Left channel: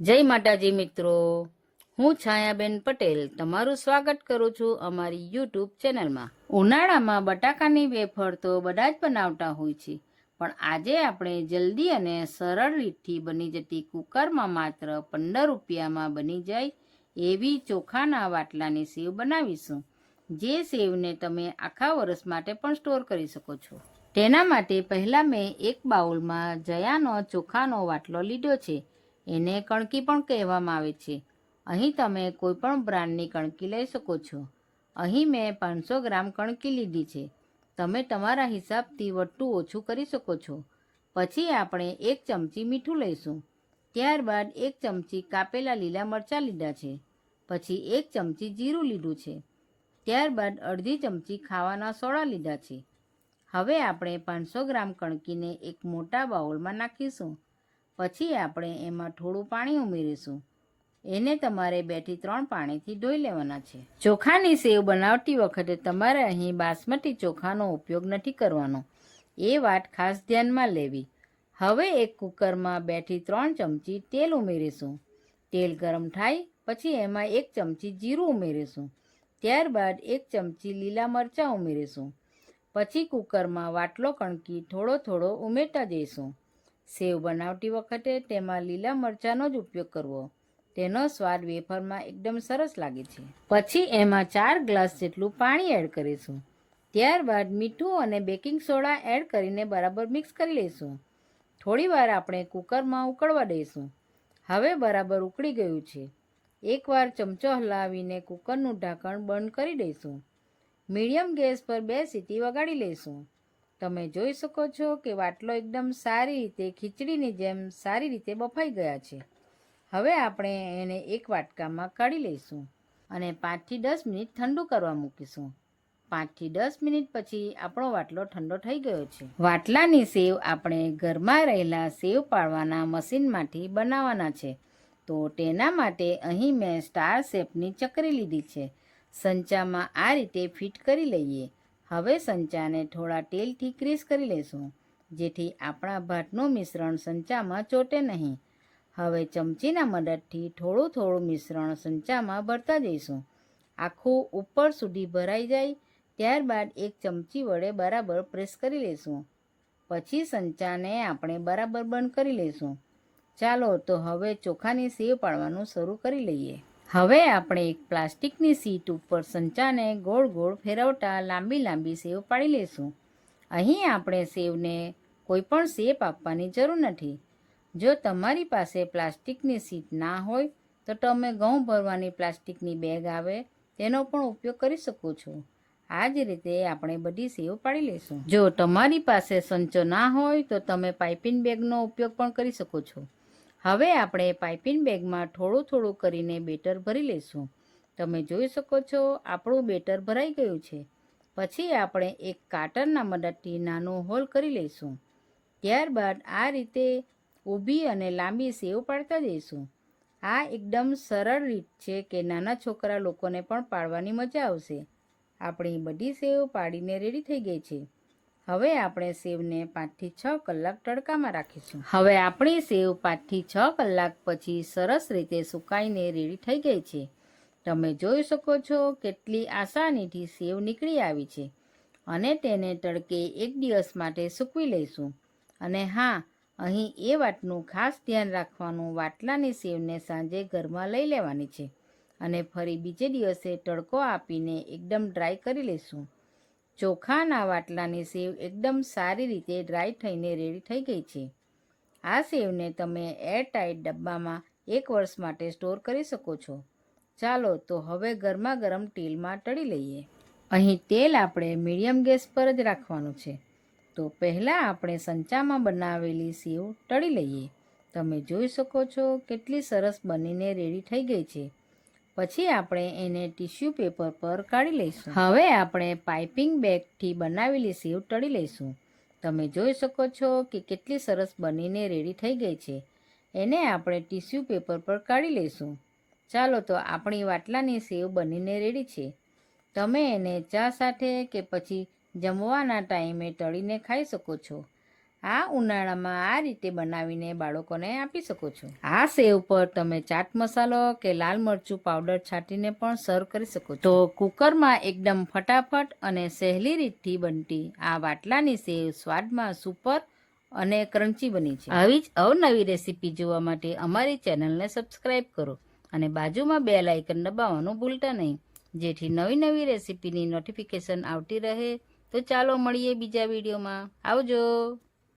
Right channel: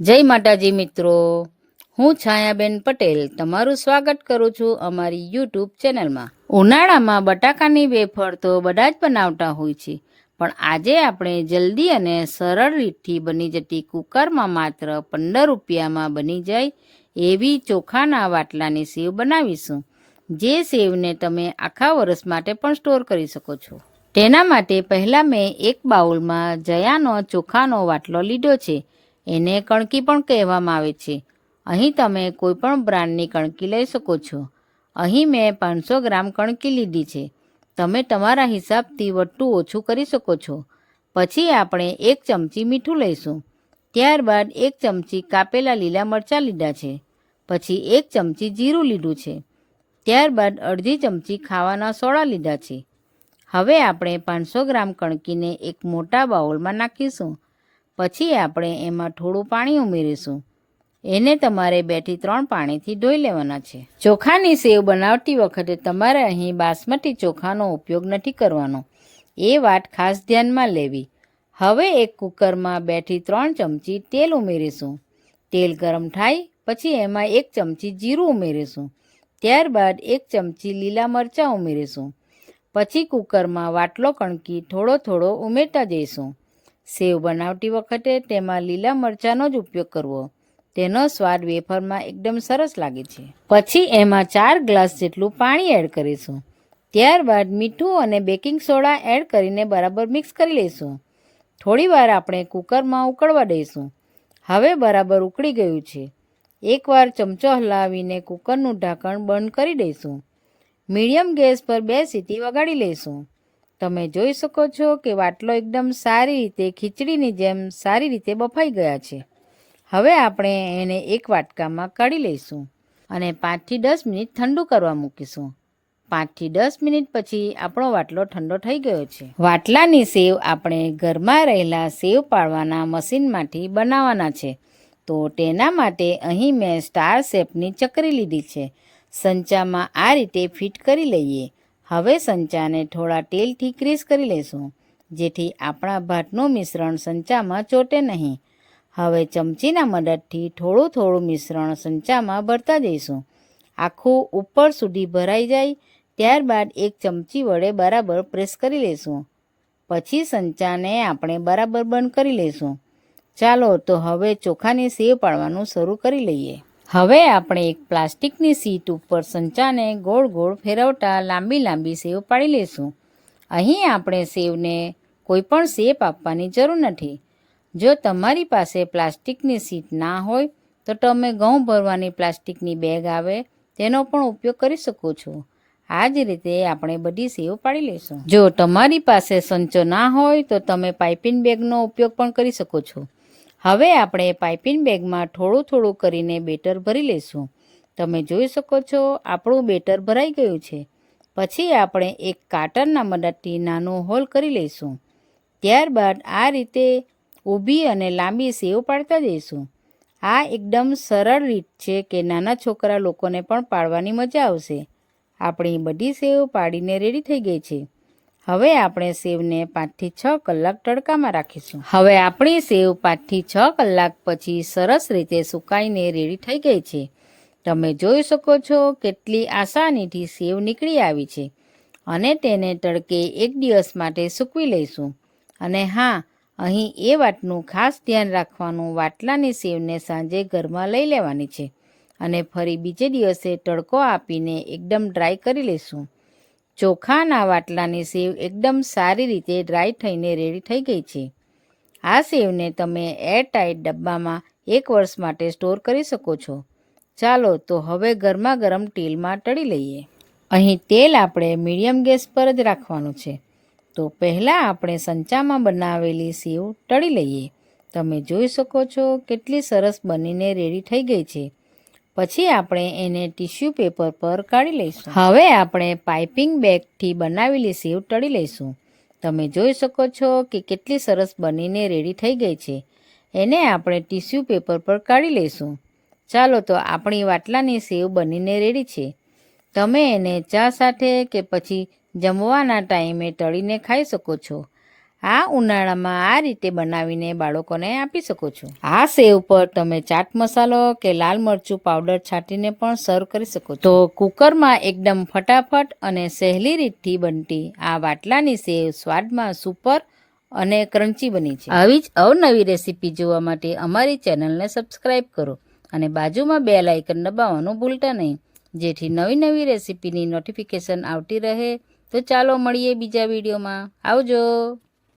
જય માતાજી મિત્રો. હું છાયાબેન પટેલ તમારું સ્વાગત કરું છું અમારી યુટ્યુબ ચેનલમાં. ઉનાળામાં બટાકાની વેફર તો બધા જ બનાવતા હોય છે, પણ આજે આપણે જલ્દી અને સરળ રીતથી બની જતી કુકરમાં માત્ર પંદર રૂપિયામાં બની જાય એવી ચોખાના વાટલાની સેવ બનાવીશું, જે સેવને તમે આખા વર્ષ માટે પણ સ્ટોર કરી શકો છો. તેના માટે પહેલાં મેં એક બાઉલમાં જયાનો ચોખાનો વાટલો લીધો છે એને કણકી પણ કહેવામાં આવે છે. અહીં તમે કોઈપણ બ્રાન્ડની કણકી લઈ શકો છો. અહીં મેં પાંચસો ગ્રામ કણકી લીધી છે. તમે તમારા હિસાબથી વટ્ટું ઓછું કરી શકો છો. પછી આપણે એક ચમચી મીઠું લઈશું. ત્યારબાદ એક ચમચી કાપેલા લીલા મરચાં લીધા છે. પછી એક ચમચી જીરું લીધું છે. ત્યારબાદ અડધી ચમચી ખાવાના સોડા લીધા છે. હવે આપણે પાંચસો ગ્રામ કણકીને એક મોટા બાઉલમાં નાખીશું. પછી આપણે એમાં થોડું પાણી ઉમેરીશું. એને તમારે બેથી ત્રણ પાણીથી ધોઈ લેવાના છે. ચોખાની સેવ બનાવતી વખતે તમારે અહીં બાસમતી ચોખાનો ઉપયોગ નથી કરવાનો. એ વાત ખાસ ધ્યાનમાં લેવી. હવે એક કુકરમાં બેથી ત્રણ ચમચી તેલ ઉમેરીશું. તેલ ગરમ થાય પછી એમાં એક ચમચી જીરું ઉમેરીશું. ત્યારબાદ એક ચમચી લીલા મરચાં ઉમેરીશું. પછી કુકરમાં વાટલો કણકી થોડો થોડો ઉમેરતા જઈશું. સેવ બનાવતી વખતે તેમાં લીલા મરચાંનો જ ઉપયોગ કરવો. તેનો સ્વાદ વેફરમાં એકદમ સરસ લાગે છે. પછી એમાં ચાર ગ્લાસ જેટલું પાણી એડ કરીશું. ત્યારબાદ મીઠું અને બેકિંગ સોડા એડ કરીને બરાબર મિક્સ કરી લઈશું. થોડીવાર આપણે કુકરમાં ઉકળવા દઈશું. હવે બરાબર ઉકળી ગયું છે. એકવાર ચમચો હલાવીને કુકરનું ઢાંકણ બંધ કરી દઈશું. મીડિયમ ગેસ પર બે સીટી વગાડી લઈશું. તમે જોઈ શકો છો કે વાટલો એકદમ સારી રીતે ખીચડીની જેમ સારી રીતે બફાઈ ગયા છે. હવે આપણે એને એક વાટકામાં કાઢી લઈશું અને પાંચથી દસ મિનિટ ઠંડુ કરવા મૂકીશું. પાંચથી દસ મિનિટ પછી આપણો વાટલો ઠંડો થઈ ગયો છે. વાટલાની સેવ આપણે ઘરમાં રહેલા સેવ પાડવાના મશીનમાંથી બનાવવાના છે. તો તેના માટે અહીં મેં સ્ટાર શેપની ચકરી લીધી છે. સંચામાં આ રીતે ફિટ કરી લઈએ. હવે સંચાને થોડા તેલથી ક્રીસ કરી લઈશું જેથી આપણા ભાતનું મિશ્રણ સંચામાં ચોટે નહીં. હવે ચમચીના મદદથી થોડું થોડું મિશ્રણ સંચામાં ભરતા જઈશું. આખું ઉપર સુધી ભરાઈ જાય, ત્યારબાદ એક ચમચી વડે બરાબર પ્રેસ કરી લઈશું પછી સંચાને આપણે બરાબર બંધ કરી લઈશું ચાલો તો હવે ચોખાની સેવ પાડવાનું શરૂ કરી લઈએ. હવે આપણે એક પ્લાસ્ટિકની સીટ ઉપર સંચાને ગોળ ગોળ ફેરવતા લાંબી લાંબી સેવ પાડી લઈશું અહીં આપણે સેવને કોઈ પણ શેપ આપવાની જરૂર નથી. જો તમારી પાસે પ્લાસ્ટિકની સીટ ના હોય, તો તમે ઘઉં ભરવાની પ્લાસ્ટિકની બેગ આવે, તેનો પણ ઉપયોગ કરી શકો છો. આ જ રીતે આપણે બધી સેવ પાડી લઈશું જો તમારી પાસે સંચો ના હોય, તો તમે પાઇપિંગ બેગનો ઉપયોગ પણ કરી શકો છો. હવે આપણે પાઇપિંગ બેગમાં થોડું થોડું કરીને બેટર ભરી લઈશું. તમે જોઈ શકો છો, આપણું બેટર ભરાઈ ગયું છે. પછી આપણે એક કાટરના મદદથી નાનું હોલ કરી લઈશું. ત્યારબાદ આ રીતે ઊભી અને લાંબી સેવ પાડતા જઈશું. આ એકદમ સરળ રીત છે કે નાના છોકરા લોકોને પણ પાડવાની મજા આવશે. આપણી બધી સેવ પાડીને રેડી થઈ ગઈ છે. હવે આપણે સેવને પાંચથી છ કલાક તડકામાં રાખીશું. હવે આપણી સેવ પાંચથી છ કલાક પછી સરસ રીતે સુકાઈને રેડી થઈ ગઈ છે. તમે જોઈ શકો છો કેટલી આસાનીથી સેવ નીકળી આવી છે. અને તેને તડકે એક દિવસ માટે સૂકવી લઈશું. અને હા, અહીં એ વાતનું ખાસ ધ્યાન રાખવાનું વાટલાની સેવને સાંજે ઘરમાં લઈ લેવાની છે. અને ફરી બીજે દિવસે તડકો આપીને એકદમ ડ્રાય કરી લઈશું. ચોખાના વાટલાની સેવ એકદમ સારી રીતે ડ્રાય થઈને રેડી થઈ ગઈ છે. આ સેવને તમે એરટાઇટ ડબ્બામાં એક વર્ષ માટે સ્ટોર કરી શકો છો. ચાલો તો હવે ગરમા ગરમ તેલમાં તળી લઈએ. અહીં તેલ આપણે મીડિયમ ગેસ પર જ રાખવાનું છે. તો પહેલાં આપણે સંચામાં બનાવેલી સેવ તળી લઈએ. તમે જોઈ શકો છો કેટલી સરસ બનીને રેડી થઈ ગઈ છે. પછી આપણે એને ટીશ્યુ પેપર પર કાઢી લઈશું. હવે આપણે પાઇપિંગ બેગથી બનાવેલી સેવ તળી લઈશું. તમે જોઈ શકો છો કે કેટલી સરસ બનીને રેડી થઈ ગઈ છે. એને આપણે ટીશ્યુ પેપર પર કાઢી લઈશું. ચાલો તો આપણી વાટલાની સેવ બનીને રેડી છે. તમે એને ચા સાથે કે પછી જમવાના ટાઈમે તળીને ખાઈ શકો છો. આ ઉનાળામાં આ રીતે બનાવીને બાળકોને આપી શકો છો. આ સેવ પર તમે ચાટ મસાલો કે લાલ મરચું પાવડર છાંટીને પણ સર્વ કરી શકો તો કુકરમાં એકદમ ફટાફટ અને સહેલી રીતથી બનતી આ વાટલાની સેવ સ્વાદમાં સુપર અને ક્રન્ચી બની છે. આવી જ અવનવી રેસીપી જોવા માટે અમારી ચેનલને સબસ્ક્રાઈબ કરો અને બાજુમાં બે લાઇકન દબાવવાનું ભૂલતા નહીં. જેથી નવી નવી રેસીપીની નોટિફિકેશન આવતી રહે. તો ચાલો મળીએ બીજા વિડીયોમાં. આવજો!